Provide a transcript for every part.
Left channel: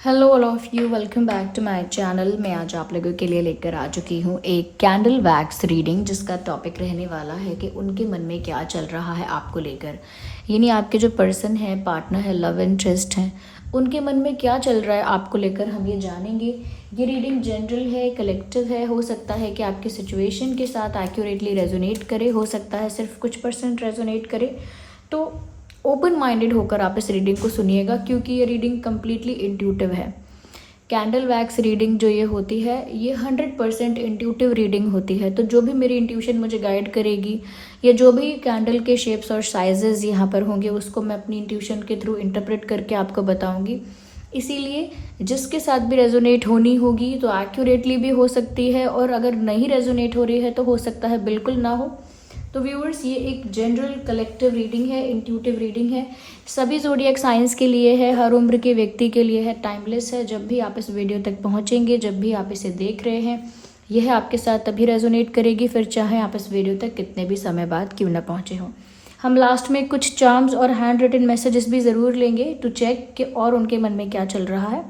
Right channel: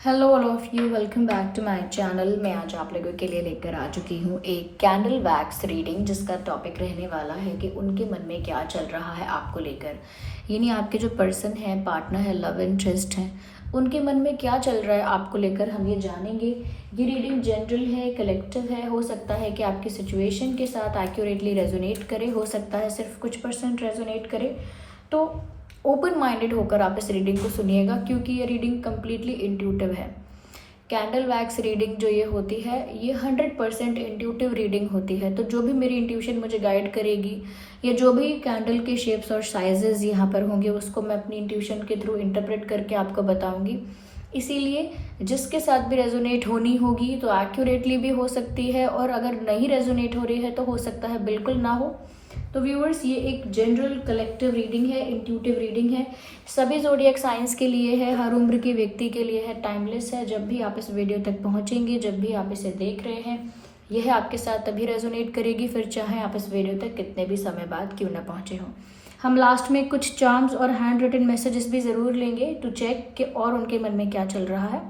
Hello all of you, welcome back to my channel. मैं आज आप लोगों के लिए लेकर आ चुकी हूँ एक कैंडल वैक्स रीडिंग, जिसका टॉपिक रहने वाला है कि उनके मन में क्या चल रहा है आपको लेकर। यानी आपके जो पर्सन है, पार्टनर है, लव इंटरेस्ट है, उनके मन में क्या चल रहा है आपको लेकर हम ये जानेंगे। ये रीडिंग जनरल है, कलेक्टिव है। हो सकता है कि आपकी सिचुएशन के साथ एक्यूरेटली रेजोनेट करे, हो सकता है सिर्फ कुछ परसेंट रेजोनेट करे। तो ओपन माइंडेड होकर आप इस रीडिंग को सुनिएगा, क्योंकि ये रीडिंग कम्प्लीटली इंट्यूटिव है। कैंडल वैक्स रीडिंग जो ये होती है, ये 100% इंट्यूटिव रीडिंग होती है। तो जो भी मेरी इंट्यूशन मुझे गाइड करेगी, या जो भी कैंडल के शेप्स और साइजेस यहाँ पर होंगे, उसको मैं अपनी इंट्यूशन के थ्रू इंटरप्रेट करके आपको बताऊंगी। इसीलिए जिसके साथ भी रेजोनेट होनी होगी तो एक्यूरेटली भी हो सकती है, और अगर नहीं रेजोनेट हो रही है तो हो सकता है बिल्कुल ना हो। तो व्यूअर्स, ये एक जनरल कलेक्टिव रीडिंग है, इंट्यूटिव रीडिंग है। सभी ज़ोडिएक साइंस के लिए है, हर उम्र के व्यक्ति के लिए है, टाइमलेस है। जब भी आप इस वीडियो तक पहुंचेंगे, जब भी आप इसे देख रहे हैं, यह आपके साथ तभी रेजोनेट करेगी, फिर चाहे आप इस वीडियो तक कितने भी समय बाद क्यों ना पहुंचे हों। हम लास्ट में कुछ चार्म्स और हैंड रिटन मैसेजेस भी ज़रूर लेंगे टू चेक कि और उनके मन में क्या चल रहा है।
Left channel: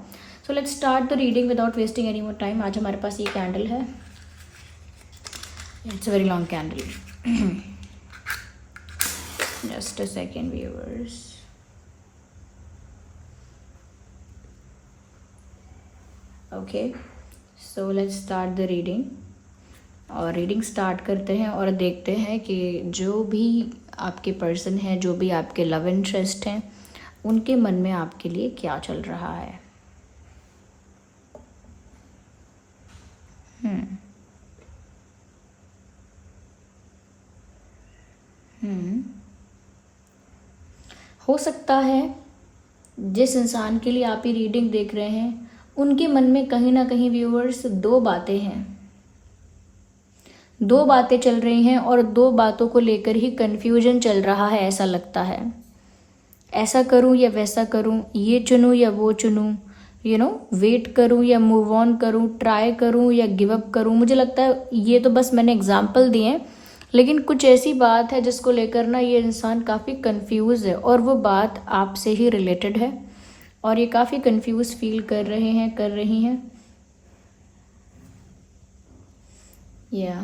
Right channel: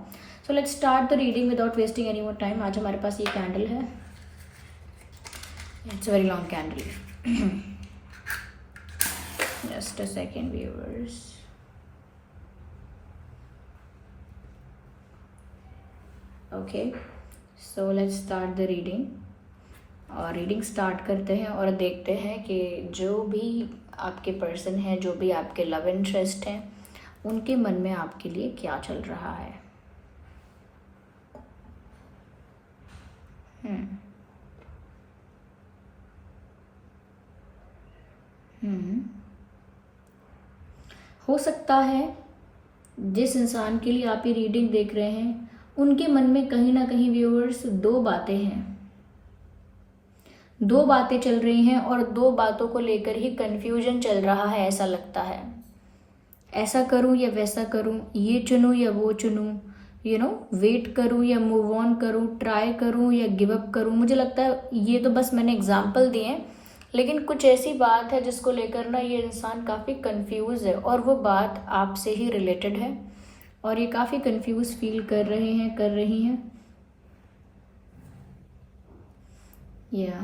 So let's start the reading without wasting any more time. आज हमारे पास ये कैंडल है, it's very long candle. Just a second, viewers. Okay, so let's start the reading. और रीडिंग स्टार्ट करते हैं और देखते हैं कि जो भी आपके पर्सन हैं, जो भी आपके लव इंटरेस्ट हैं, उनके मन में आपके लिए क्या चल रहा है। हो सकता है जिस इंसान के लिए आप ये रीडिंग देख रहे हैं, उनके मन में कहीं ना कहीं व्यूअर्स दो बातें हैं, दो बातें चल रही हैं, और दो बातों को लेकर ही कंफ्यूजन चल रहा है। ऐसा लगता है, ऐसा करूं या वैसा करूं, ये चुनूं या वो चुनूं, वेट करूं या मूव ऑन करूं, ट्राई करूं या गिव अप करूं। मुझे लगता है ये तो बस मैंने एग्जाम्पल दिए हैं, लेकिन कुछ ऐसी बात है जिसको लेकर ना ये इंसान काफ़ी कंफ्यूज है, और वो बात आपसे ही रिलेटेड है, और ये काफ़ी कंफ्यूज फील कर रहे हैं, कर रही हैं। या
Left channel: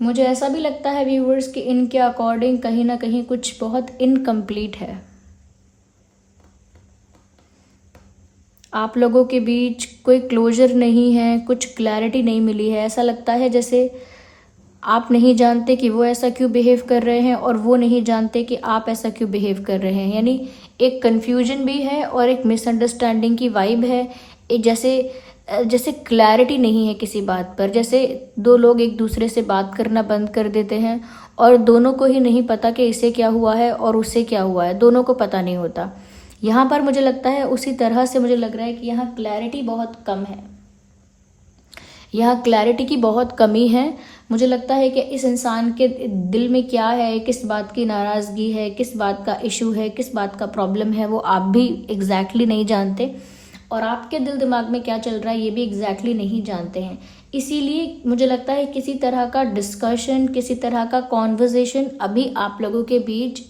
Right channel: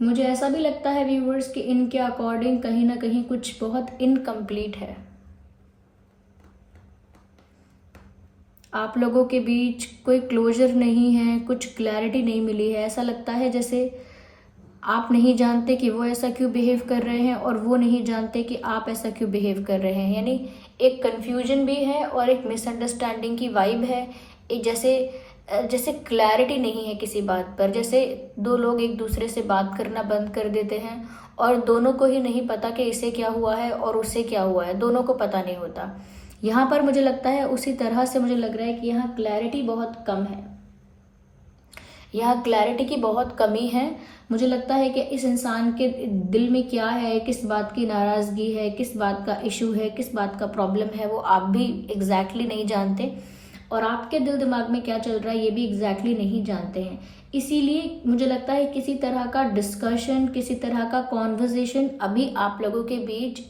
मुझे ऐसा भी लगता है व्यूवर्स कि इनके अकॉर्डिंग कहीं ना कहीं कुछ बहुत इनकम्प्लीट है। आप लोगों के बीच कोई क्लोजर नहीं है, कुछ क्लैरिटी नहीं मिली है। ऐसा लगता है जैसे आप नहीं जानते कि वो ऐसा क्यों बिहेव कर रहे हैं, और वो नहीं जानते कि आप ऐसा क्यों बिहेव कर रहे हैं। यानी एक कन्फ्यूजन भी है और एक मिसअंडरस्टैंडिंग की वाइब है। एक जैसे जैसे क्लैरिटी नहीं है किसी बात पर, जैसे दो लोग एक दूसरे से बात करना बंद कर देते हैं, और दोनों को ही नहीं पता कि इसे क्या हुआ है और उससे क्या हुआ है, दोनों को पता नहीं होता। यहाँ पर मुझे लगता है उसी तरह से मुझे लग रहा है कि यहाँ क्लैरिटी बहुत कम है, यहाँ क्लैरिटी की बहुत कमी है। मुझे लगता है कि इस इंसान के दिल में क्या है, किस बात की नाराज़गी है, किस बात का इशू है, किस बात का प्रॉब्लम है, वो आप भी एग्जैक्टली नहीं जानते, और आपके दिल दिमाग में क्या चल रहा है ये भी एग्जैक्टली नहीं जानते हैं। इसीलिए मुझे लगता है किसी तरह का डिस्कशन, किसी तरह का कॉन्वर्जेशन अभी आप लोगों के बीच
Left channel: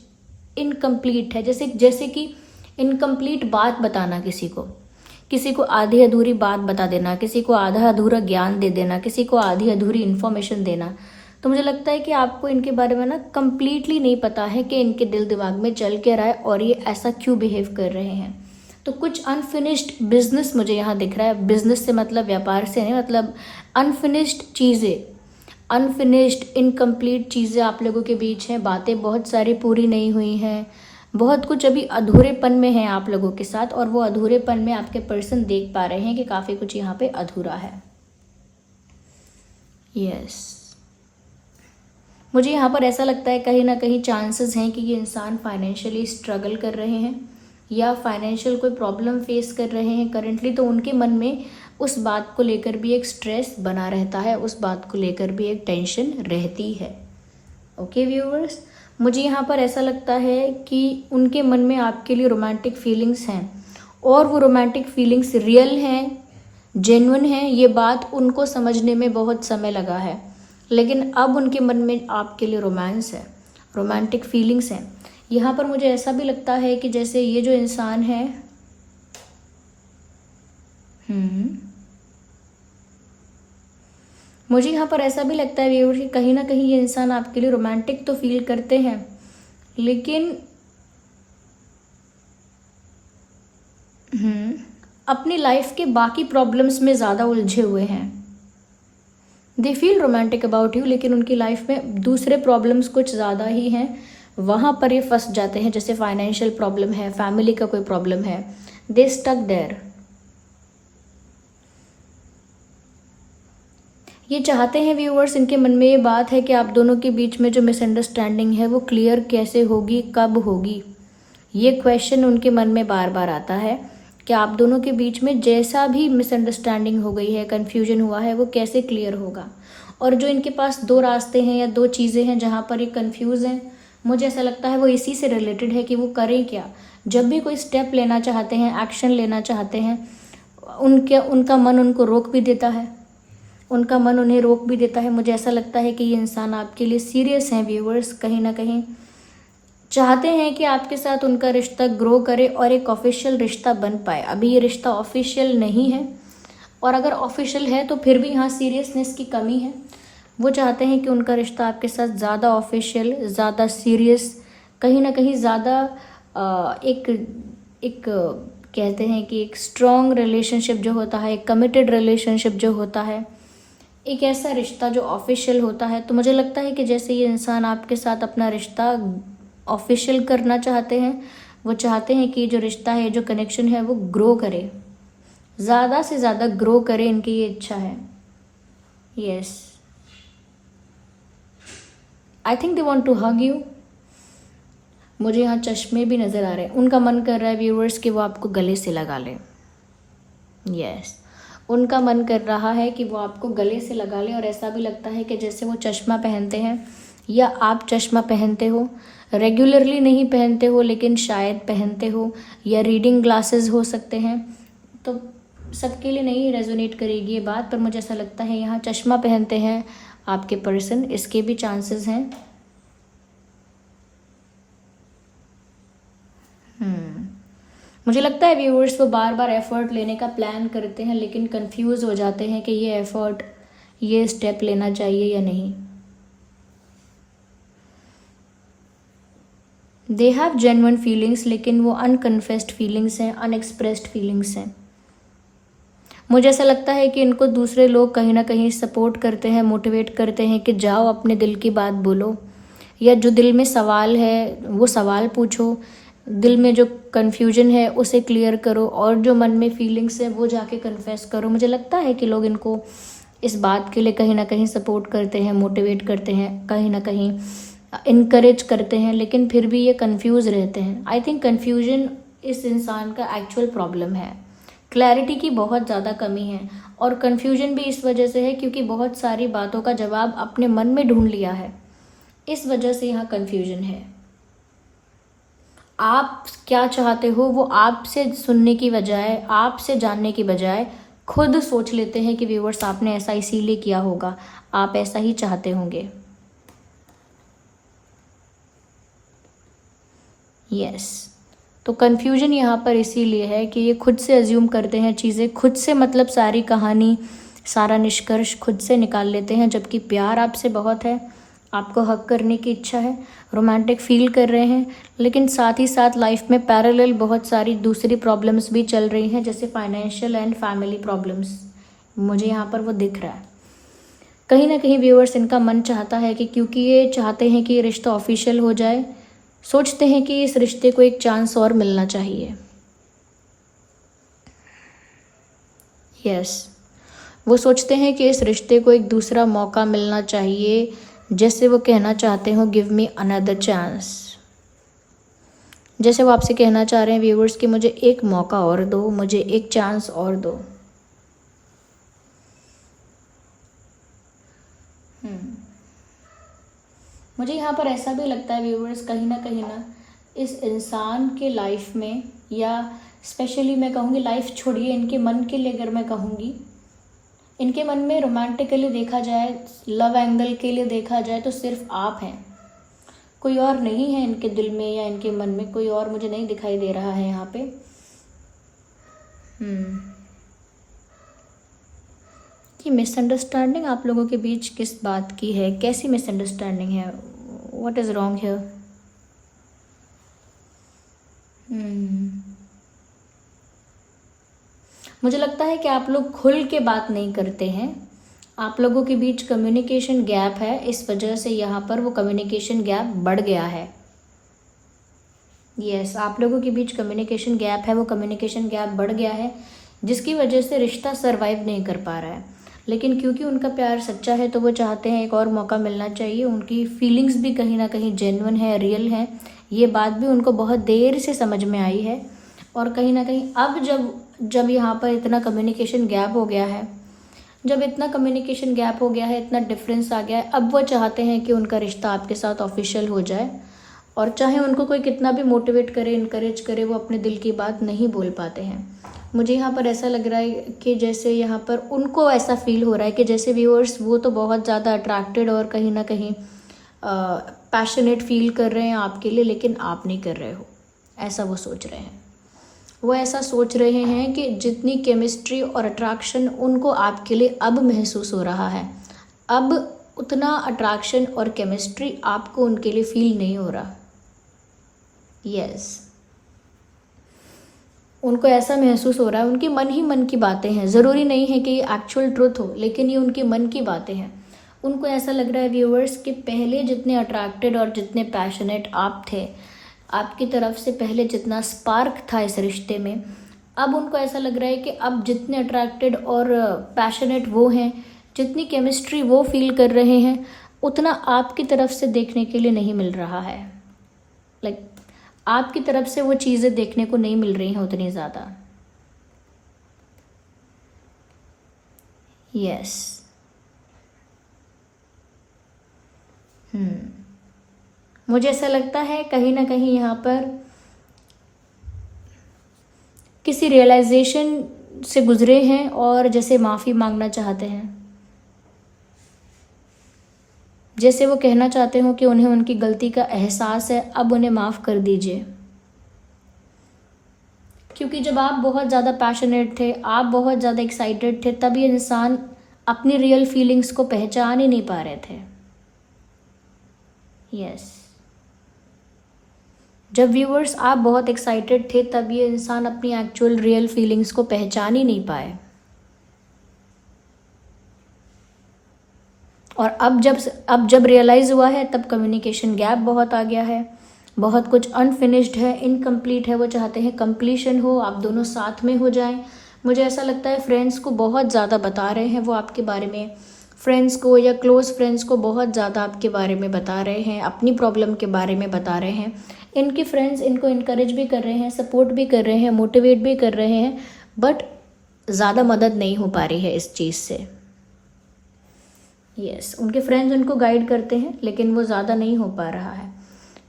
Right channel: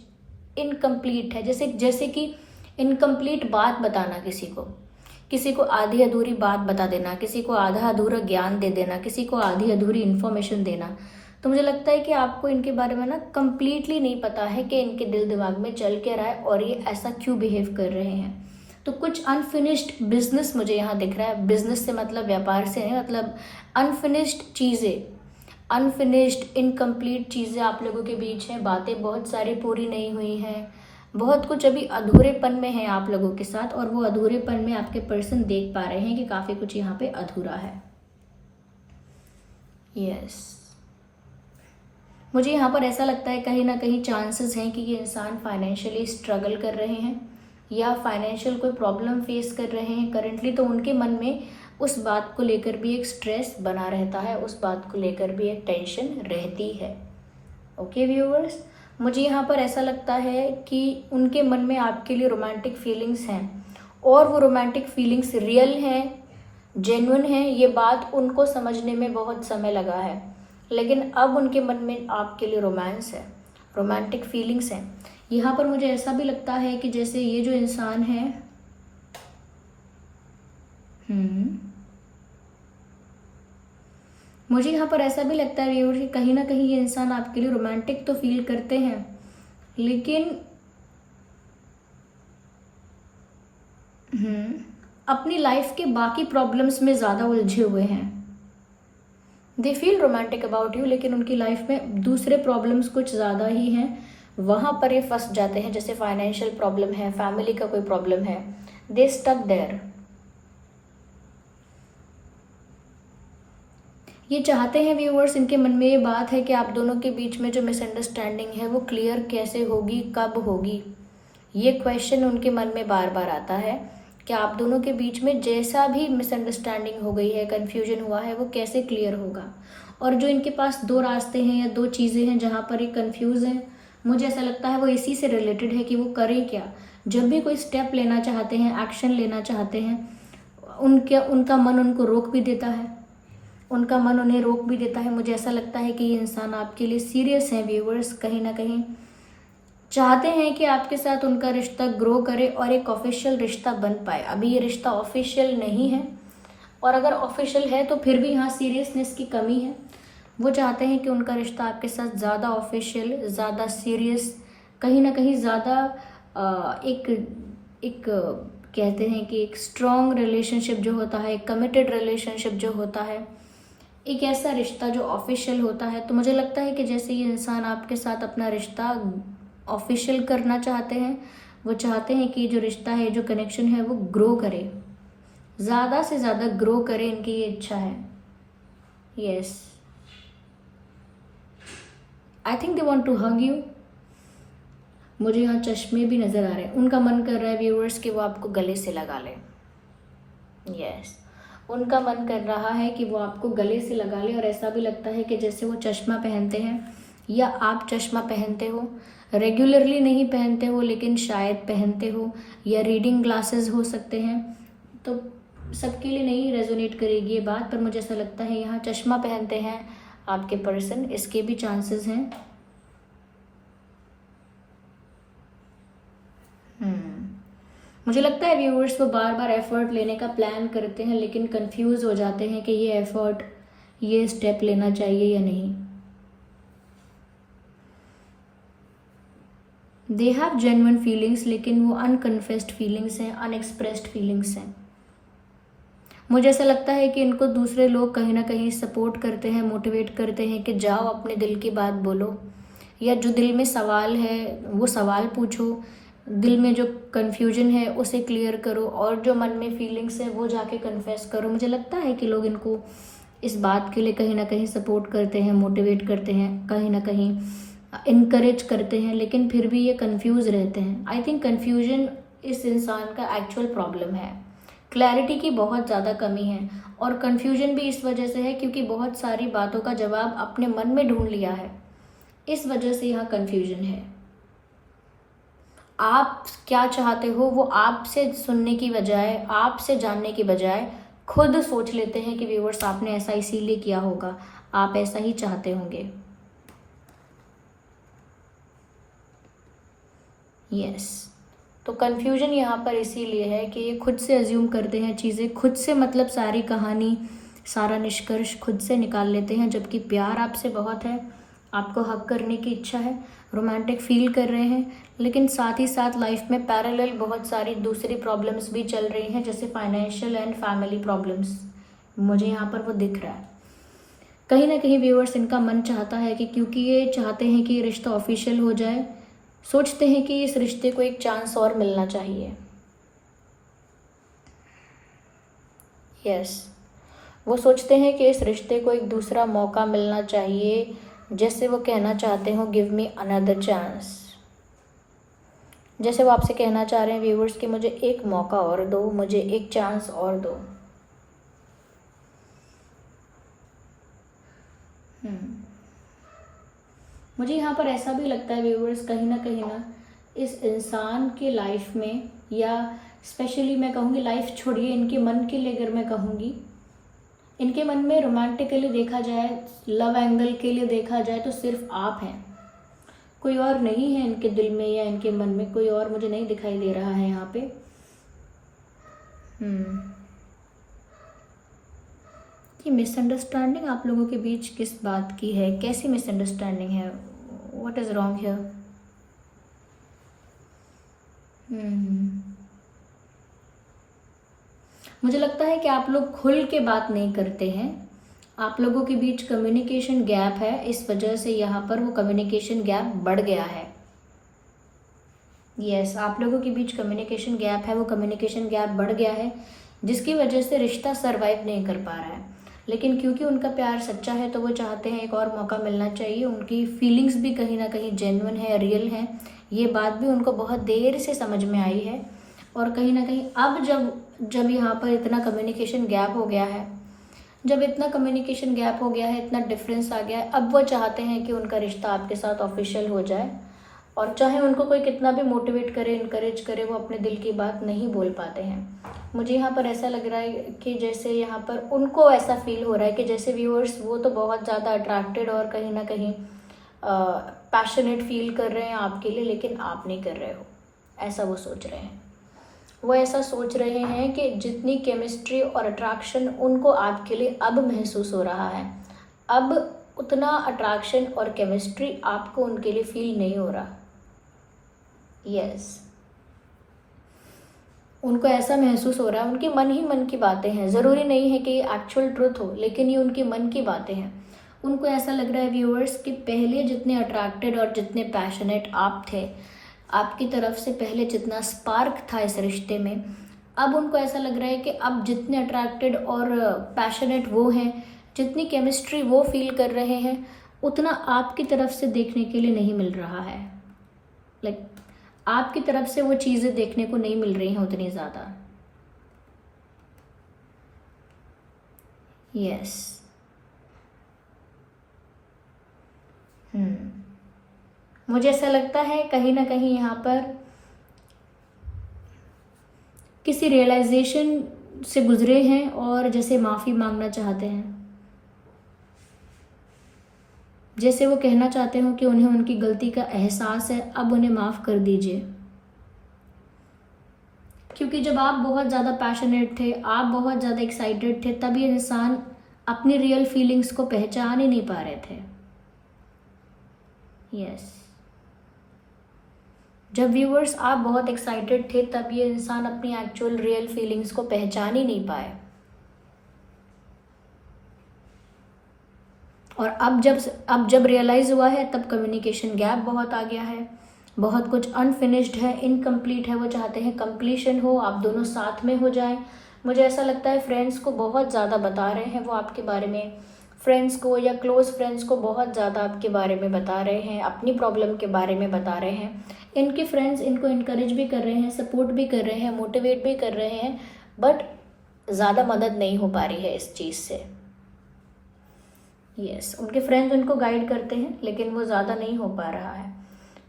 इनकम्प्लीट है। जैसे जैसे कि इनकम्प्लीट बात बताना, किसी को आधी अधूरी बात बता देना, किसी को आधा अधूरा ज्ञान दे देना, किसी को आधी अधूरी इन्फॉर्मेशन देना। तो मुझे लगता है कि आपको इनके बारे में ना कम्प्लीटली नहीं पता है कि इनके दिल दिमाग में चल के रहा है और ये ऐसा क्यों बिहेव कर रहे हैं। तो कुछ अनफिनिश्ड बिजनेस मुझे यहाँ दिख रहा है। बिजनेस से मतलब व्यापार से नहीं, मतलब अनफिनिश्ड चीज़ें, अनफिनिश्ड इनकम्प्लीट चीज़ें आप लोगों के बीच हैं। बातें बहुत सारी पूरी नहीं हुई हैं, बहुत कुछ अभी अधूरेपन में है आप लोगों के साथ, और वो अधूरेपन में आपके पर्सन देख पा रहे हैं कि काफ़ी कुछ यहाँ पे अधूरा है। यस, मुझे यहाँ पर ऐसा लगता है कहीं ना कहीं चांसेस हैं कि ये इंसान फाइनेंशियली स्ट्रगल कर रहे हैं, या फाइनेंशियल कोई प्रॉब्लम फेस कर रहे हैं करंटली। तो उनके मन में उस बात को लेकर भी एक स्ट्रेस बना रहता है, उस बात को लेकर भी एक टेंशन रहती है। ओके व्यूअर्स, मुझे यहाँ पर ऐसा लगता है कि उनके मन में आपके लिए रोमांटिक फीलिंग्स हैं, और वो रोमांटिक फीलिंग्स रियल हैं, जेन्युइन हैं। ये बात उनको समझने में बहुत समय लगा है। लेकिन अब उनके मन में आपके लिए रोमांस है, रोमांटिक फीलिंग्स हैं। यहाँ पर मुझे ऐसा भी लगता है कि जैसे ये जो इंसान है, मुझे यहाँ पर ऐसा भी लगता है व्यूअर्स कि कहीं ना कहीं ये इंसान आपके लिए रोमांटिक तो फील करते हैं, लेकिन अपनी लाइफ के बाकी प्रॉब्लम्स में ज़्यादा उलझे हुए हैं। They feel romantic about you, लेकिन उनकी लाइफ में दूसरे प्रॉब्लम्स कुछ ज़्यादा ही हैं, वहाँ पर ये फंस जाते हैं। जैसे फाइनेंशियल प्रॉब्लम है, फैमिली का कोई प्रॉब्लम है, दे स्टक देयर। ये चाहते हैं व्यूअर्स, इनके मन में ये बात है कि आप दोनों के बीच में जो मिसअंडरस्टैंडिंग है वो क्लियर कैसे होगी, कब होगी। ये क्वेश्चन उनके मन में बार बार आता है कि आप दोनों के बीच में जैसा भी मिसअंडरस्टैंडिंग हो गई है, कन्फ्यूजन हुआ है, वो कैसे क्लियर होगा। और जो इनके पास दो रास्ते हैं या दो चीज़ें हैं जहाँ पर ये कन्फ्यूज़ हैं, मुझे ऐसा लगता है वो इसी से रिलेटेड है कि वो करें क्या। जब भी कोई स्टेप लेना चाहते हैं, एक्शन लेना चाहते हैं, उनका मन उनको रोक भी देता है, उनका मन उन्हें रोक भी देता है। मुझे ऐसा लगता है कि ये इंसान आपके लिए सीरियस हैं व्यूअर्स, कहीं ना कहीं चाहते हैं कि आपके साथ उनका रिश्ता ग्रो करे और एक ऑफिशियल रिश्ता बन पाए। अभी ये रिश्ता ऑफिशियल नहीं है, और अगर ऑफिशियल है तो फिर भी यहाँ सीरियसनेस की कमी है। वो चाहते हैं कि उनका रिश्ता आपके साथ ज़्यादा ऑफिशियल, ज़्यादा सीरियस, कहीं ना कहीं ज़्यादा एक कहते हैं कि एक स्ट्रॉन्ग रिलेशनशिप जो होता है, एक कमिटेड रिलेशनशिप जो होता है, एक ऐसा रिश्ता जो ऑफिशियल होता है। तो मुझे लगता है कि जैसे ये इंसान आपके साथ अपना रिश्ता ऑफिशियल करना चाहते हैं, वो चाहते हैं कि जो रिश्ता है, जो कनेक्शन है, वो ग्रो करे, ज़्यादा से ज़्यादा ग्रो करे, इनकी ये इच्छा है। Yes, I think they want to hug you. मुझे यहाँ चश्मे भी नज़र आ रहे हैं। उनका मन कर रहा है व्यूअर्स कि वो आपको गले से लगा ले। यस, उनका मन कर रहा है कि वो आपको गले से लगा ले, और ऐसा भी लगता है कि जैसे वो चश्मा पहनते हैं या आप चश्मा पहनते हो। रेगुलरली नहीं पहनते हो, लेकिन शायद पहनते हो, या रीडिंग ग्लासेस हो सकते हैं। तो सबके लिए नहीं रेजोनेट करेगी ये बात, पर मुझे ऐसा लगता है यहाँ चश्मा पहनते हैं आपके पर्सन, इसके भी चांसेस हैं। मुझे लगता है व्यूअर्स वो बार बार एफर्ट लेने का प्लान करते हैं, लेकिन कंफ्यूज हो जाते हैं कि ये एफर्ट, ये स्टेप लेना चाहिए या नहीं। दे हैव जेन्युइन फीलिंग्स, लेकिन वो अनकन्फेस्ड फीलिंग्स हैं, अनएक्सप्रेस्ड फीलिंग्स हैं। मुझे ऐसा लगता है कि इनको दूसरे लोग कहीं ना कहीं सपोर्ट करते हैं, मोटिवेट करते हैं कि जाओ अपने दिल की बात बोलो, या जो दिल में सवाल है वो सवाल पूछो, दिल में जो कन्फ्यूजन है उसे क्लियर करो, और जो मन में फीलिंग्स है वो जाके कन्फेस करो। मुझे लगता है कि लोग इनको इस बात के लिए कहीं ना कहीं सपोर्ट करते हैं, मोटिवेट करते हैं, कहीं ना कहीं इनकरेज करते हैं, लेकिन फिर भी ये कंफ्यूज रहते हैं। आई थिंक कन्फ्यूजन इस इंसान का एक्चुअल प्रॉब्लम है। क्लैरिटी की बहुत ज़्यादा कमी है, और कन्फ्यूजन भी इस वजह से है क्योंकि बहुत सारी बातों का जवाब अपने मन में ढूंढ लिया है, इस वजह से यहाँ कन्फ्यूजन है। आप क्या चाहते हो वो आपसे सुनने की बजाय, आपसे जानने की बजाय खुद सोच लेते हैं कि व्यूअर्स आपने ऐसा इसीलिए किया होगा, आप ऐसा ही चाहते होंगे। यस, तो कन्फ्यूजन यहाँ पर इसीलिए है कि ये खुद से अज्यूम करते हैं चीज़ें, खुद से मतलब सारी कहानी, सारा निष्कर्ष खुद से निकाल लेते हैं, जबकि प्यार आपसे बहुत है, आपको हक करने की इच्छा है, रोमांटिक फील कर रहे हैं, लेकिन साथ ही साथ लाइफ में पैरेलल बहुत सारी दूसरी प्रॉब्लम्स भी चल रही हैं, जैसे फाइनेंशियल एंड फैमिली प्रॉब्लम्स। मुझे यहाँ पर वो दिख रहा है। कहीं ना कहीं व्यूअर्स, इनका मन चाहता है कि क्योंकि ये चाहते हैं कि ये रिश्ता ऑफिशियल हो जाए, सोचते हैं कि इस रिश्ते को एक चांस और मिलना चाहिए। यस, वो सोचते हैं कि इस रिश्ते को एक दूसरा मौका मिलना चाहिए, जैसे वो कहना चाहते हो गिव मी अनदर चांस। जैसे वो आपसे कहना चाह रहे हैं व्यूअर्स कि मुझे एक मौका और दो, मुझे एक चांस और दो। मुझे यहाँ पर ऐसा भी लगता है व्यूअर्स, कहीं ना इस इंसान के लाइफ में, या स्पेशली मैं कहूँगी लाइफ छोड़िए, इनके मन के लिए अगर मैं कहूँगी, इनके मन में रोमांटिकली देखा जाए, लव एंगल के लिए देखा जाए तो सिर्फ आप हैं, कोई और नहीं है इनके दिल में या इनके मन में, कोई और मुझे नहीं दिखाई दे रहा है यहाँ पे। कि मिसअंडरस्टैंडिंग आप लोगों के बीच किस बात की है, कैसी मिसअंडरस्टैंडिंग है, व्हाट इज़ रॉन्ग हियर। मुझे लगता है कि आप लोग खुल के बात नहीं करते हैं, आप लोगों के बीच कम्युनिकेशन गैप है, इस वजह से यहाँ पर वो कम्युनिकेशन गैप बढ़ गया है। यस, आप लोगों के बीच कम्युनिकेशन गैप है, वो कम्युनिकेशन गैप बढ़ गया है, जिसकी वजह से रिश्ता सरवाइव नहीं कर पा रहा है। लेकिन क्योंकि उनका प्यार सच्चा है तो वो चाहते हैं एक और मौका मिलना चाहिए। उनकी फीलिंग्स भी कहीं ना कहीं जेन्युइन है, रियल है, ये बात भी उनको बहुत देर से समझ में आई है। और कहीं ना कहीं अब जब यहाँ पर इतना कम्युनिकेशन गैप हो गया है, जब इतना कम्युनिकेशन गैप हो गया है, इतना डिफरेंस आ गया है, अब वो चाहते हैं कि उनका रिश्ता आपके साथ ऑफिशियल हो जाए। और चाहे उनको कोई कितना भी मोटिवेट करे, इनकरेज करे, वो अपने दिल की बात नहीं बोल पाते हैं। मुझे यहाँ पर ऐसा लग रहा है कि जैसे यहाँ पर उनको ऐसा फील हो रहा है कि जैसे व्यूअर्स वो तो बहुत ज़्यादा अट्रैक्टेड और कहीं ना कहीं पैशनेट फील कर रहे हैं आपके लिए, लेकिन आप नहीं कर रहे हो, ऐसा वो सोच रहे हैं। वो ऐसा सोच रहे हैं कि जितनी केमिस्ट्री और अट्रैक्शन उनको आपके लिए अब महसूस हो रहा है, अब उतना अट्रैक्शन और केमिस्ट्री आपको उनके लिए फील नहीं हो रहा। यस, उनको ऐसा महसूस हो रहा है, उनके मन ही मन की बातें हैं, ज़रूरी नहीं है कि ये एक्चुअल ट्रुथ हो, लेकिन ये उनके मन की बातें हैं। उनको ऐसा लग रहा है व्यूअर्स कि पहले जितने अट्रैक्टेड और जितने पैशनेट आप थे, आपकी तरफ से पहले जितना स्पार्क था इस रिश्ते में, अब उनको ऐसा लग रहा है कि अब जितने अट्रैक्टेड और पैशनेट वो हैं, जितनी केमिस्ट्री वो फील कर रहे हैं, उतना आपकी तरफ से देखने के लिए नहीं मिल रहा है। लाइक आपकी तरफ से वो चीज़ें देखने को नहीं मिल रही हैं उतनी ज़्यादा। यस, मुझे ऐसा लगता है कहीं ना कहीं यहाँ पर किसी रियलाइजेशन से गुजरे हैं और जैसे माफ़ी मांगना चाहते हैं, जैसे वो कहना चाहते हो कि उन्हें उनकी गलती का एहसास है, अब उन्हें माफ़ कर दीजिए। क्योंकि जब आप बहुत ज़्यादा पैशनेट थे, आप बहुत ज़्यादा एक्साइटेड थे, तब ये इंसान अपनी रियल फीलिंग्स को पहचान ही नहीं पा रहे थे। यस, जब व्यूअर्स आप बहुत एक्साइटेड थे, तब ये इंसान अपनी एक्चुअल रियल फीलिंग्स को पहचान ही नहीं पाए। और अब जब रियलाइज़ हुआ है, तब कम्युनिकेशन गैप बहुत आ गया है, बहुत कुछ अनफिनिश्ड है, इनकम्प्लीट है। वो चाहते हैं कंप्लीशन हो, आप दोनों साथ में हो जाएं। मुझे ऐसा लगता है फ्रेंड्स को बहुत ज़्यादा बता रहे हैं वो आपके बारे में, फ्रेंड्स को या क्लोज़ फ्रेंड्स को बहुत ज़्यादा आपके बारे में बता रहे हैं, अपनी प्रॉब्लम के बारे में बता रहे हैं। इनके फ्रेंड्स इनको इनकरेज भी कर रहे हैं, सपोर्ट भी कर रहे हैं, मोटिवेट भी कर रहे हैं, बट ज़्यादा मदद नहीं हो पा रही है इस चीज़ से। यस, उनके फ्रेंड्स उनको गाइड करते हैं, लेकिन वो ज़्यादा नहीं हो पा रहा है।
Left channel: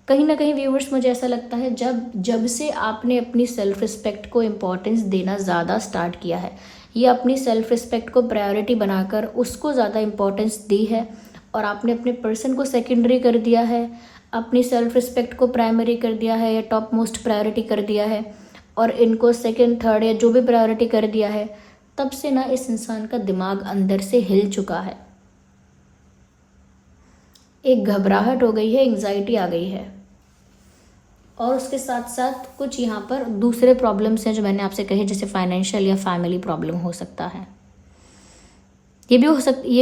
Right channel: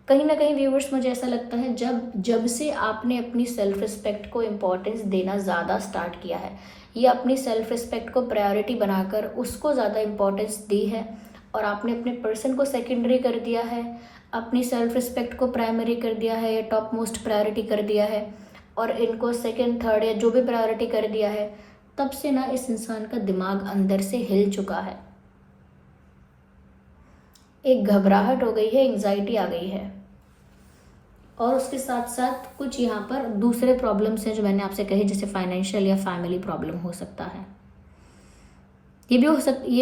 कहीं ना कहीं व्यूअर्स, मुझे ऐसा लगता है जब से आपने अपनी सेल्फ रिस्पेक्ट को इम्पोर्टेंस देना ज़्यादा स्टार्ट किया है, ये अपनी सेल्फ रिस्पेक्ट को प्रायोरिटी बनाकर उसको ज़्यादा इम्पोर्टेंस दी है, और आपने अपने पर्सन को सेकेंडरी कर दिया है, अपनी सेल्फ रिस्पेक्ट को प्राइमरी कर दिया है या टॉप मोस्ट प्रायोरिटी कर दिया है, और इनको सेकेंड थर्ड या जो भी प्रायोरिटी कर दिया है, तब से ना इस इंसान का दिमाग अंदर से हिल चुका है। एक घबराहट हो गई है, एंग्जाइटी आ गई है, और उसके साथ साथ कुछ यहाँ पर दूसरे प्रॉब्लम्स हैं जो मैंने आपसे कहे, जैसे फाइनेंशियल या फैमिली प्रॉब्लम हो सकता है। ये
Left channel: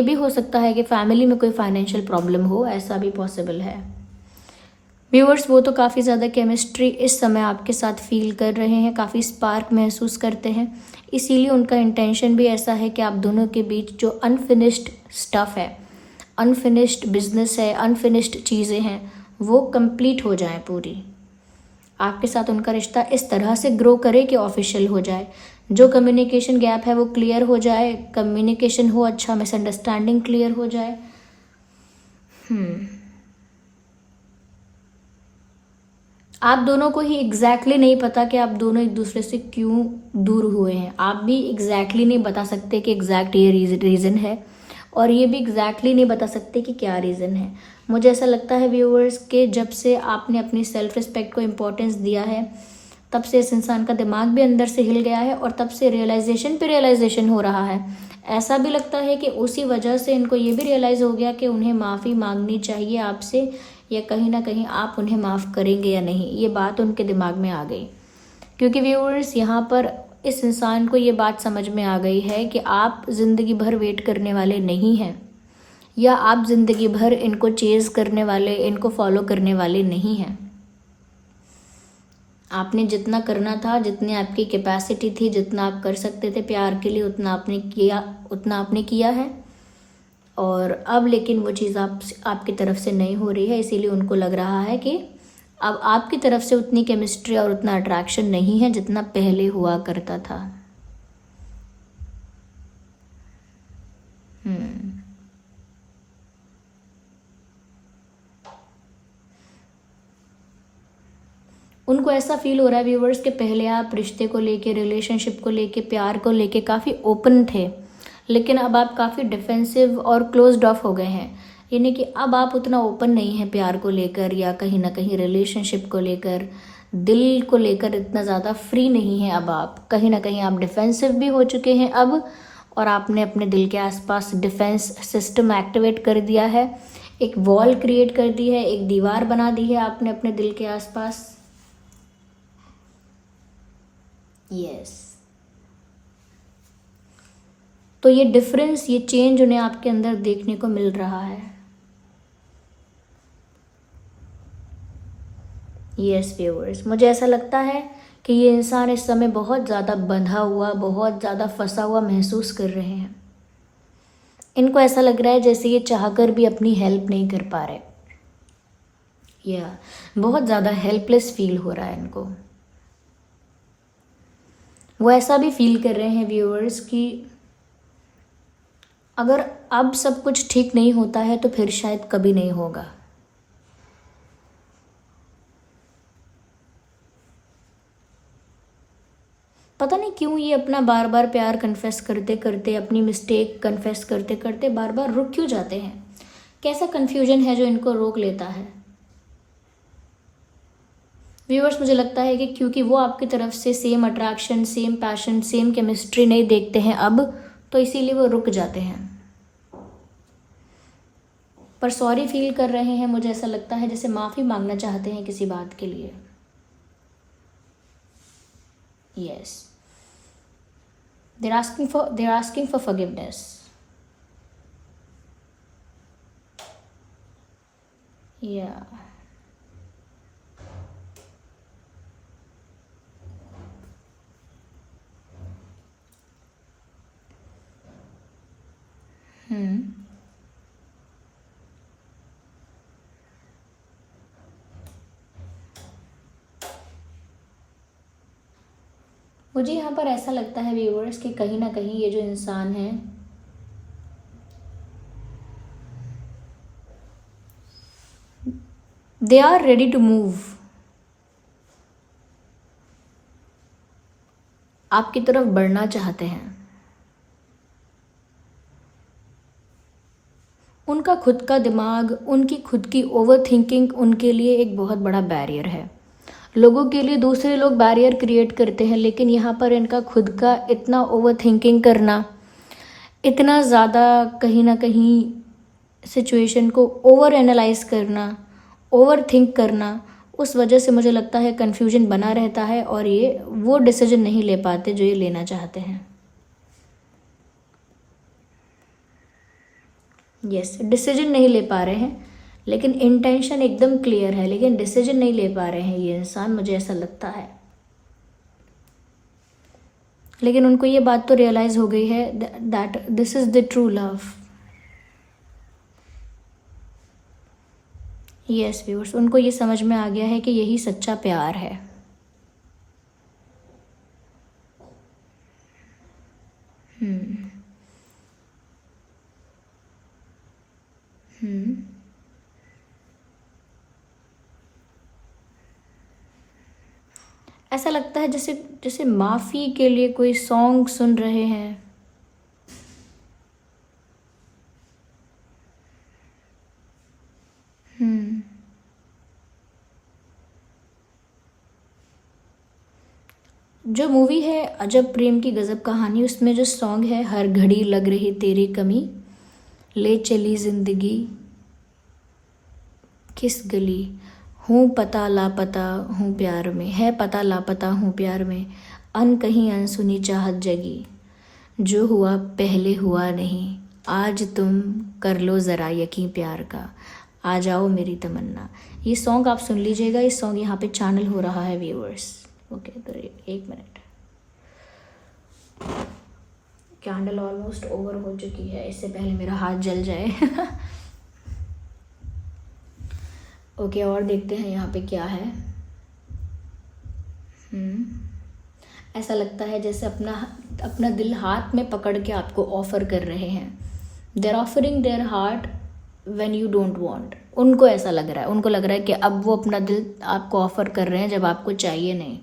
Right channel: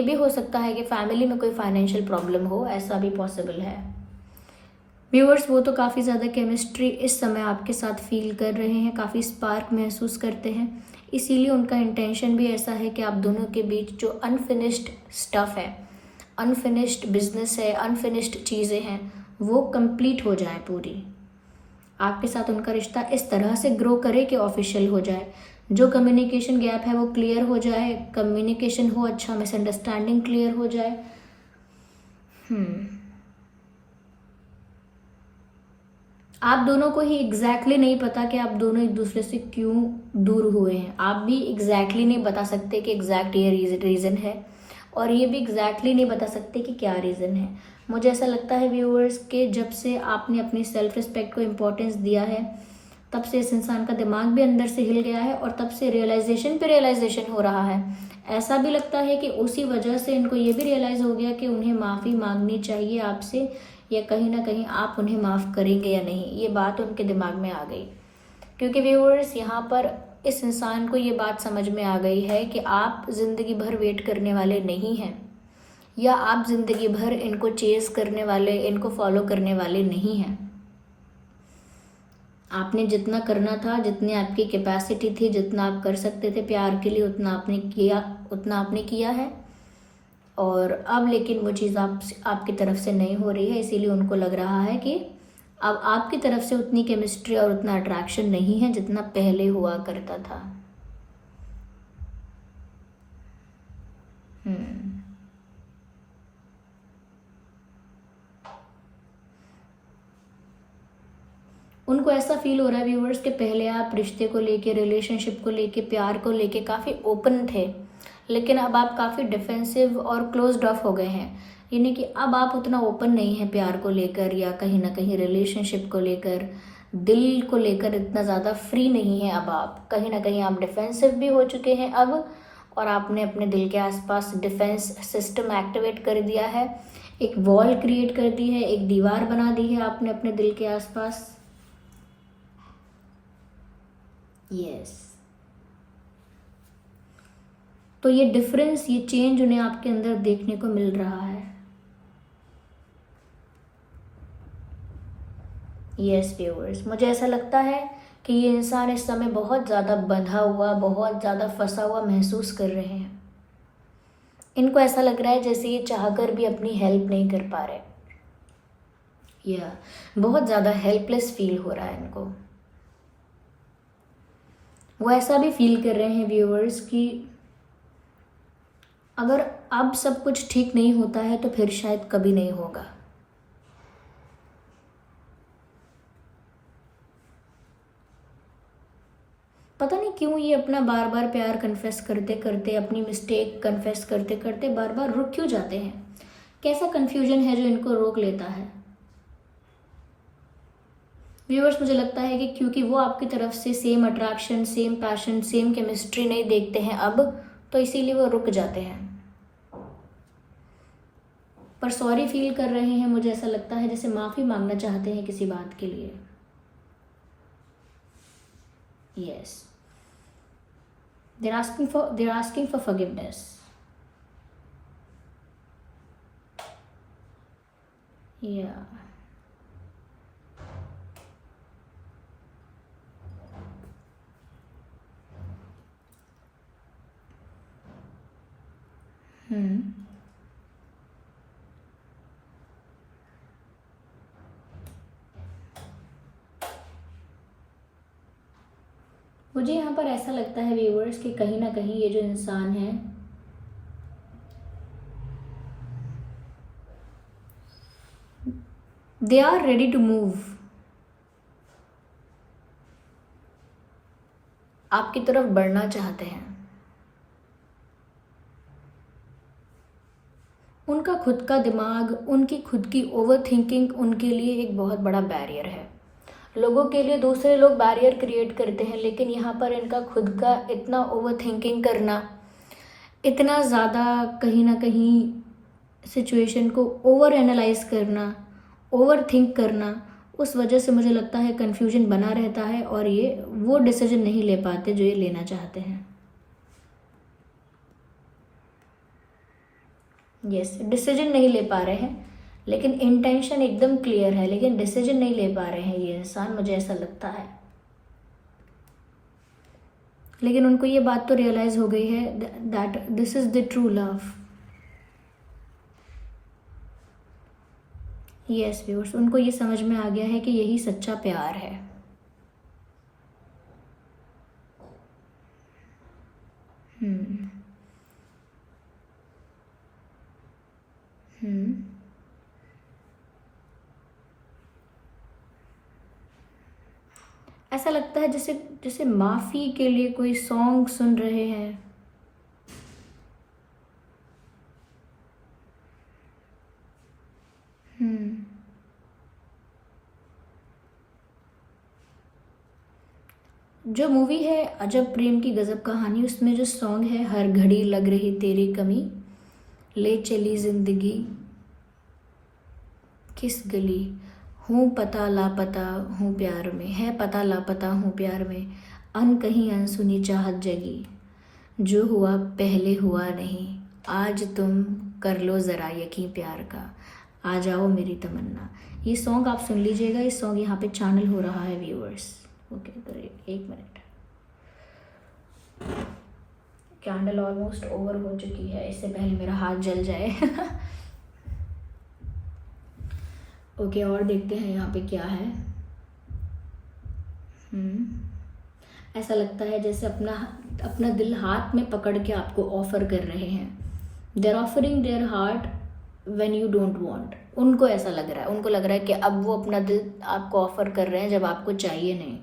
भी हो सकता है कि फैमिली में कोई फाइनेंशियल प्रॉब्लम हो, ऐसा भी पॉसिबल है। व्यूअर्स, वो तो काफ़ी ज़्यादा केमिस्ट्री इस समय आपके साथ फील कर रहे हैं, काफ़ी स्पार्क महसूस करते हैं, इसीलिए उनका इंटेंशन भी ऐसा है कि आप दोनों के बीच जो अनफिनिश्ड स्टफ़ है, अनफिनिश्ड बिजनेस है, अनफिनिश्ड चीज़ें हैं, वो कंप्लीट हो जाए पूरी। आपके साथ उनका रिश्ता इस तरह से ग्रो करे कि ऑफिशियल हो जाए, जो कम्युनिकेशन गैप है वो क्लियर हो जाए, कम्युनिकेशन हो अच्छा, मिसअंडरस्टैंडिंग क्लियर हो जाए। आप दोनों को ही एग्जैक्टली नहीं पता कि आप दोनों एक दूसरे से क्यों दूर हुए हैं। आप भी एग्जैक्टली नहीं बता सकते कि एग्जैक्ट ये रीज़न है, और ये भी एग्जैक्टली नहीं बता सकते कि क्या रीज़न है। मुझे ऐसा लगता है व्यूअर्स के जब से आपने अपनी सेल्फ रिस्पेक्ट को इम्पोर्टेंस दिया है, तब से इस इंसान का दिमाग भी अंदर से हिल गया है, और तब से रियलाइजेशन पे रियलाइजेशन हो रहा है। ऐसा भी लगता है कि उसी वजह से इनको ये भी रियलाइज़ हो गया कि उन्हें माफ़ी मांगनी चाहिए आपसे, या कहीं ना कहीं आप उन्हें माफ़ करेंगे या नहीं, ये बात उनके दिमाग में आ गई। क्योंकि व्यूअर्स यहाँ पर इस इंसान को ये बात समझ में आ गई है कि आप ज़िंदगी भर वेट करने वाले नहीं हैं, या आप ज़िंदगी भर इनको चेज़ करने वाले, इनको फॉलो करने वाले नहीं हैं। आपने जितना करना था, जितनी आपकी कैपेसिटी थी, जितना आप कर सकते थे प्यार के लिए, उतना आपने किया है। और अब लेकिन वो चीज़ आपकी तरफ से नहीं हो रही है, इसीलिए उनको लग रहा है कि अब आपकी तरफ से उतनी केमिस्ट्री और उतना अट्रैक्शन नहीं है जितना पहले हुआ करता था। उनको ऐसा फील हो रहा है व्यूवर्स कि पहले आप रिश्ते को लेके, रिलेशनशिप को लेके, प्यार को लेके काफ़ी ओपन थे, लेकिन अब आप काफ़ी डिफेंसिव और क्लोज्ड ऑफ हो गए हैं। यानी कि अब आप उतना ओपन नहीं हैं प्यार को लेकर, या कहीं ना कहीं रिलेशनशिप को लेकर, दिल को लेकर इतना ज़्यादा फ्री नहीं है। अब आप कहीं ना कहीं आप डिफेंसिव भी हो चुके हैं अब, और आपने अपने दिल के आसपास डिफेंस सिस्टम एक्टिवेट कर दिया है, एक वॉल क्रिएट कर दी है, एक दीवार बना दी है आपने अपने दिल के आसपास। यस, तो ये डिफरेंस, ये चेंज उन्हें आपके अंदर देखने को मिल रहा है। यस व्यूअर्स, मुझे ऐसा लगता है कि ये इंसान इस समय बहुत ज़्यादा बंधा हुआ, बहुत ज़्यादा फंसा हुआ महसूस कर रहे हैं। इनको ऐसा लग रहा है जैसे ये चाहकर भी अपनी हेल्प नहीं कर पा रहे, या बहुत ज़्यादा हेल्पलेस फील हो रहा है इनको। वो ऐसा भी फील कर रहे हैं व्यूअर्स कि अगर अब सब कुछ ठीक नहीं होता है तो फिर शायद कभी नहीं होगा। पता नहीं क्यों ये अपना बार बार प्यार कन्फेस करते करते, अपनी मिस्टेक कन्फेस करते करते बार बार रुक क्यों जाते हैं? कैसा कन्फ्यूजन है जो इनको रोक लेता है? व्यूअर्स, मुझे लगता है कि क्योंकि वो आपकी तरफ से same attraction, same passion, same chemistry नहीं देखते हैं अब, तो इसीलिए वो रुक जाते हैं। पर सॉरी फील कर रहे हैं, मुझे ऐसा लगता है जैसे माफ़ी मांगना चाहते हैं किसी बात के लिए। Yes, they're asking for forgiveness. Yeah. मुझे यहाँ पर ऐसा लगता है व्यूअर्स कि कहीं ना कहीं ये जो इंसान है, they are ready to move, आपकी तरफ बढ़ना चाहते हैं। उनका खुद का दिमाग, उनकी खुद की ओवर थिंकिंग उनके लिए एक बहुत बड़ा बैरियर है। लोगों के लिए दूसरे लोग बैरियर क्रिएट करते हैं, लेकिन यहाँ पर इनका खुद का इतना ओवर थिंकिंग करना, इतना ज़्यादा कहीं ना कहीं सिचुएशन को ओवर एनालाइज करना, ओवर थिंक करना, उस वजह से मुझे लगता है कन्फ्यूजन बना रहता है, और ये वो डिसीजन नहीं ले पाते जो ये लेना चाहते हैं। यस, डिसीजन नहीं ले पा रहे हैं, लेकिन इंटेंशन एकदम क्लियर है, लेकिन डिसीजन नहीं ले पा रहे हैं ये इंसान, मुझे ऐसा लगता है। लेकिन उनको ये बात तो रियलाइज हो गई है that this is the true love. Yes viewers, उनको ये समझ में आ गया है कि यही सच्चा प्यार है। हम्म हम्म ऐसा लगता है जैसे जैसे माफ़ी के लिए कोई सॉन्ग सुन रहे हैं। जो मूवी है अजब प्रेम की गज़ब कहानी, उसमें जो सॉन्ग है हर घड़ी लग रही तेरी कमी, ले चली ज़िंदगी किस गली, हूँ पता लापता हूँ प्यार में, है पता लापता हूँ प्यार में, अन कहीं अनसुनी चाहत जगी, जो हुआ पहले हुआ नहीं, आज तुम कर लो ज़रा यकीन प्यार का, आ जाओ मेरी तमन्ना। ये सॉन्ग आप सुन लीजिएगा, इस सॉन्ग यहाँ पे चैनल हो रहा है व्यूअर्स। ओके तो एक मिनट, कैंडल ऑलमोस्ट ओवर हो चुकी है, इससे पहले मेरा हाथ जल जाए। ओके और देखते हैं यहाँ पे क्या है। ऐसा लगता है जैसे अपना अपना दिल हाथ में पकड़ के आपको ऑफ़र कर रहे हैं। They're offering their heart when you don't want. उनको ऐसा लग रहा है, उनको लग रहा है कि अब वो अपना दिल आपको ऑफ़र कर रहे हैं जब आपको चाहिए नहीं।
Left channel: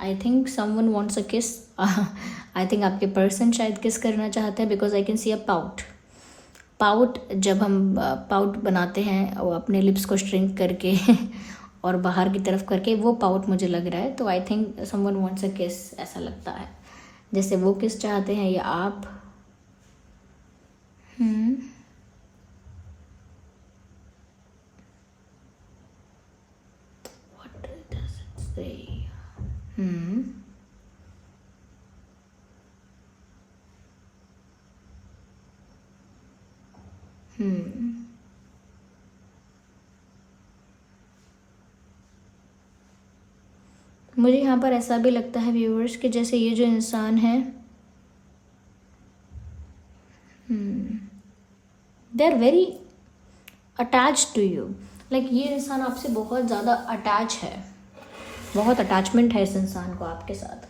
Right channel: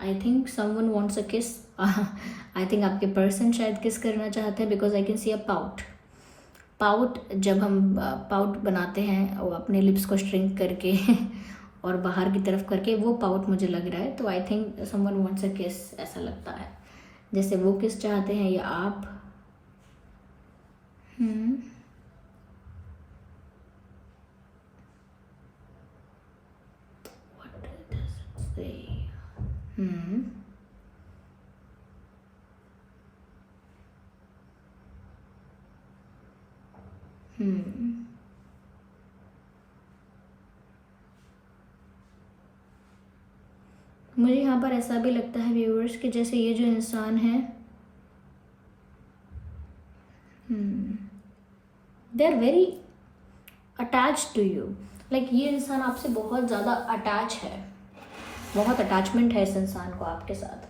I think someone wants a kiss. I think आपके पर्सन शायद किस करना चाहते हैं, because I can see a pout. Pout जब हम पाउट बनाते हैं वो अपने लिप्स को श्रिंक करके और बाहर की तरफ करके, वो पाउट मुझे लग रहा है। तो आई थिंक समवन वांट्स अ किस, ऐसा लगता है जैसे वो किस चाहते हैं या आप। What does it say? मुझे यहाँ पर ऐसा भी लगता है व्यूअर्स कि जैसे ये जो इंसान है they are very attach to you. Like ये इंसान आपसे बहुत ज़्यादा अटैच है, बहुत अटैचमेंट है इस इंसान को आपके साथ।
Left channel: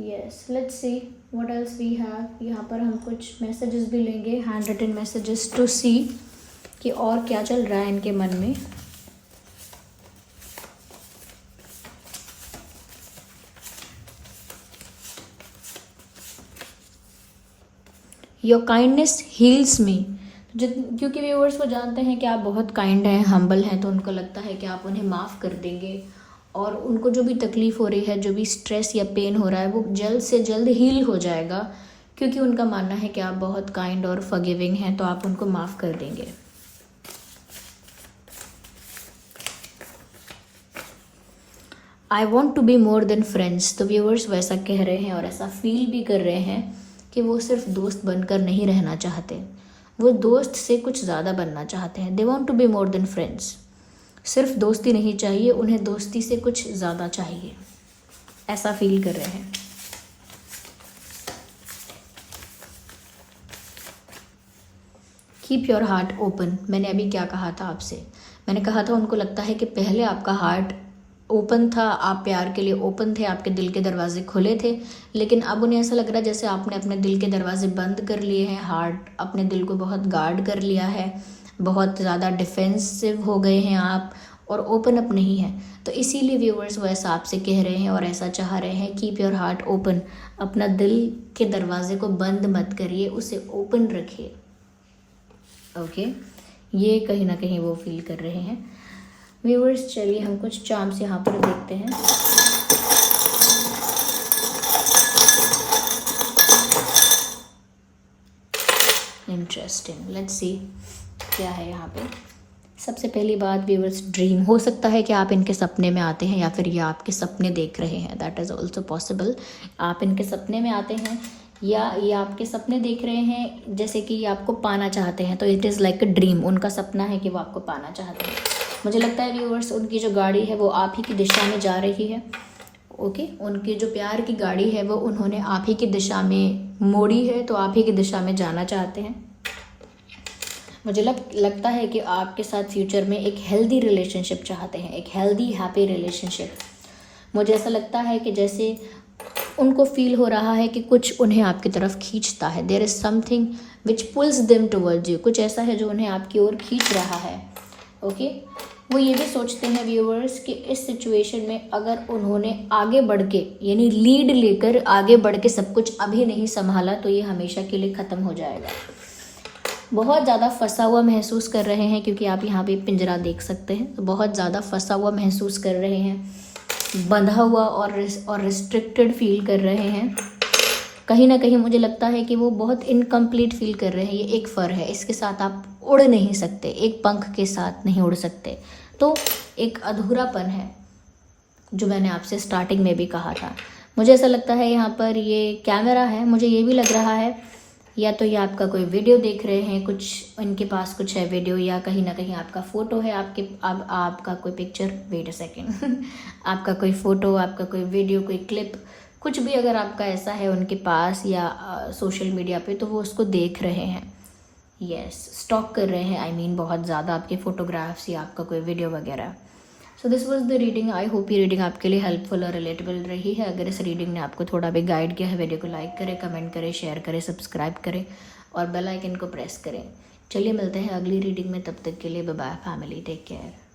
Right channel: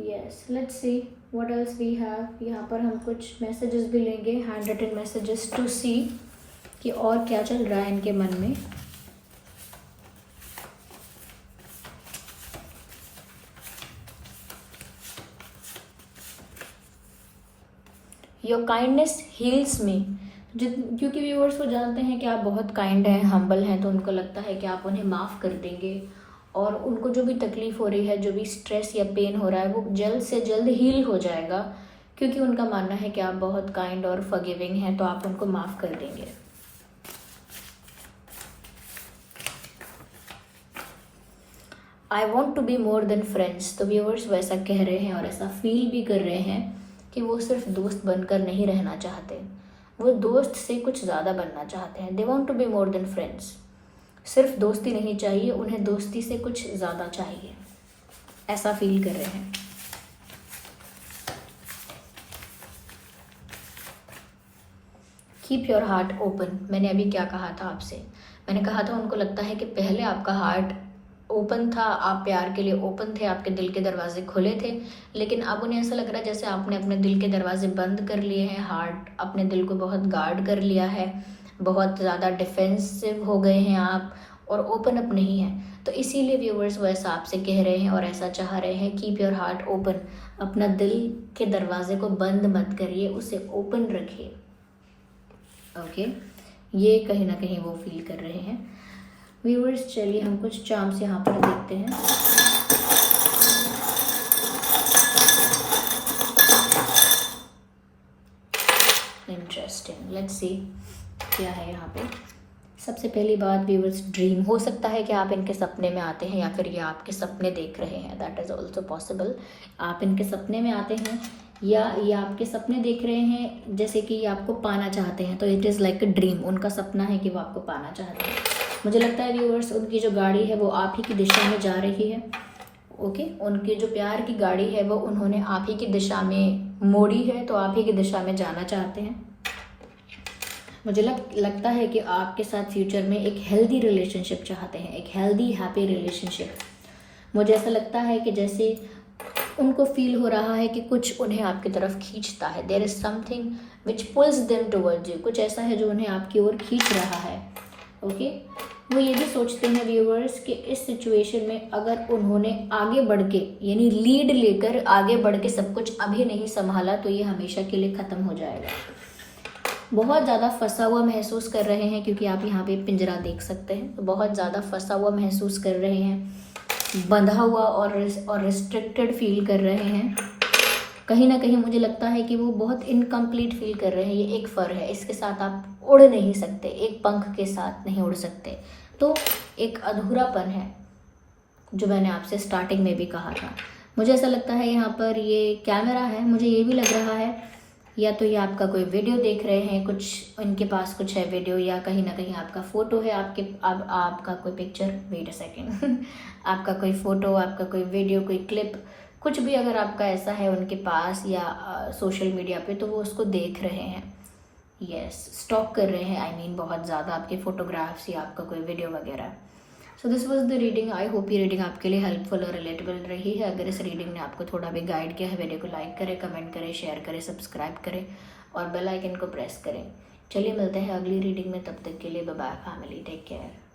Yes, let's see what else we have. यहाँ पर हम कुछ मैसेजेस भी लेंगे, hand written messages, to see कि और क्या चल रहा है इनके मन में। Your kindness heals me. क्योंकि व्यूअर्स वो जानते हैं कि आप बहुत काइंड हैं, हम्बल हैं, तो उनको लगता है कि आप उन्हें माफ़ कर देंगे और उनको जो भी तकलीफ़ हो रही है, जो भी स्ट्रेस या पेन हो रहा है, वो जल्द से जल्द हील हो जाएगा, क्योंकि उनका मानना है कि आप बहुत काइंड और फॉरगिविंग हैं, तो आप उनको माफ़ कर देंगे। I want to be more than friends. तो व्यूअर्स वैसा कह रहे हैं और ऐसा फील भी कर रहे हैं कि वो सिर्फ दोस्त बनकर नहीं रहना चाहते, वो दोस्त से कुछ ज़्यादा बनना चाहते हैं। They want to be more than friends. सिर्फ दोस्ती नहीं चाहिए उन्हें, दोस्ती से कुछ ज़्यादा चाहिए, ऐसा फील कर रहे हैं। Keep your heart open. मैंने अभी क्या कहा था आपसे, मैंने कहा था उनको लगता है कि पहले आपका हार्ट ओपन था, आप प्यार के लिए ओपन थे, आपके दिल के दरवाजे खुले थे, लेकिन अब उन्हें ऐसा लग रहा है जैसे आपने अपने दिल के दरवाजे बंद कर लिए हैं। हार्ट, अपने दिल को बहुत गार्ड कर लिया है, बहुत ज़्यादा डिफेंसिव हो गए हैं आप और ओपन अप नहीं है। तो इसीलिए व्यूअर्स वो ऐसा आपसे कह रहे हैं और ऐसा चाह रहे हैं। Keep your heart open. अपना दिल के दरवाजे को बंद मत करिए, उसे ओपन रखिए। ओके, ये कहीं ना कहीं वो फील कर रहे हैं व्यूअर्स। चलिए हम कुछ चार्म्स यहाँ पर देखते हैं। इंटरेस्टिंग, लेट्स सी क्या है यहाँ पे। सबसे पहली बात व्यूअर्स, ड्रीम। हो सकता है कि आप इनके सपने में आते हैं या फिर ये आपके सपने देख रहे हैं, दैट इज़ ऑल्सो पॉसिबल। आप इनके सपने में आते हैं या ये आपके सपने देख रहे हैं, जैसे कि ये आपको पाना चाहते हैं, तो it is like a dream. उनका सपना है कि वो आपको पाना चाहते हैं। मुझे लगता है व्यूअर्स उनकी जो गाड़ी है वो आप ही की दिशा में जा रही है। ओके, उनकी जो प्यार की गाड़ी है वो उन्होंने आप ही की दिशा में मोड़ी है, तो आप ही की दिशा में जाना चाहते हैं। मुझे लगता है कि आपके साथ फ्यूचर में एक हेल्दी रिलेशनशिप चाहते हैं, एक हेल्दी हैप्पी रिलेशनशिप। मुझे ऐसा लगता है कि जैसे उनको फील हो रहा है कि कुछ उन्हें आपकी तरफ खींचता है, there is something which pulls them towards you, कुछ ऐसा है जो उन्हें आपकी ओर खींच रहा है। ओके, वो ये भी सोचते हैं व्यूअर्स कि इस सिचुएशन में अगर उन्होंने आगे बढ़ के यानी लीड लेकर आगे बढ़ के सब कुछ अभी नहीं संभाला तो ये हमेशा के लिए ख़त्म हो जाएगा। बहुत ज़्यादा फंसा हुआ महसूस कर रहे हैं, क्योंकि आप यहाँ पे पिंजरा देख सकते हैं, तो बहुत ज़्यादा फंसा हुआ महसूस कर रहे हैं, बंधा हुआ और रिस्ट्रिक्टेड फील कर रहे हैं। कहीं ना कहीं मुझे लगता है कि वो बहुत इनकम्प्लीट फील कर रहे हैं। ये एक फर है, इसके साथ आप उड़ नहीं सकते, एक पंख के साथ नहीं उड़ सकते, तो एक अधूरापन है जो मैंने आपसे स्टार्टिंग में भी कहा था। मुझे ऐसा लगता है यहाँ पर ये कैमरा है, मुझे ये भी लग रहा है या तो ये आपका कोई वीडियो देख रहे हैं, कुछ इनके पास कुछ है वीडियो, या कहीं ना कहीं आपका फ़ोटो है, आपका कोई पिक्चर, वेट अ सेकेंड आपका कोई फ़ोटो, आपका कोई वीडियो, कोई क्लिप, कुछ भी अगर आपका ऐसा है उनके पास या सोशल मीडिया पे, तो वो उसको देख रहे हैं, यस, स्टॉक कर रहे हैं, आई मीन बहुत ज़्यादा आपके फ़ोटोग्राफ्स या आपका कोई वीडियो वगैरह। So this was the reading. I hope ये रीडिंग आपके लिए हेल्पफुल और रिलेटेबल रही है। अगर इस रीडिंग ने आपको थोड़ा भी गाइड किया है, वीडियो को लाइक करें, कमेंट करें, शेयर करें, सब्सक्राइब करें और बेल आइकन को प्रेस करें। चलिए मिलते हैं अगली रीडिंग में, तब तक के लिए bye bye family, take care.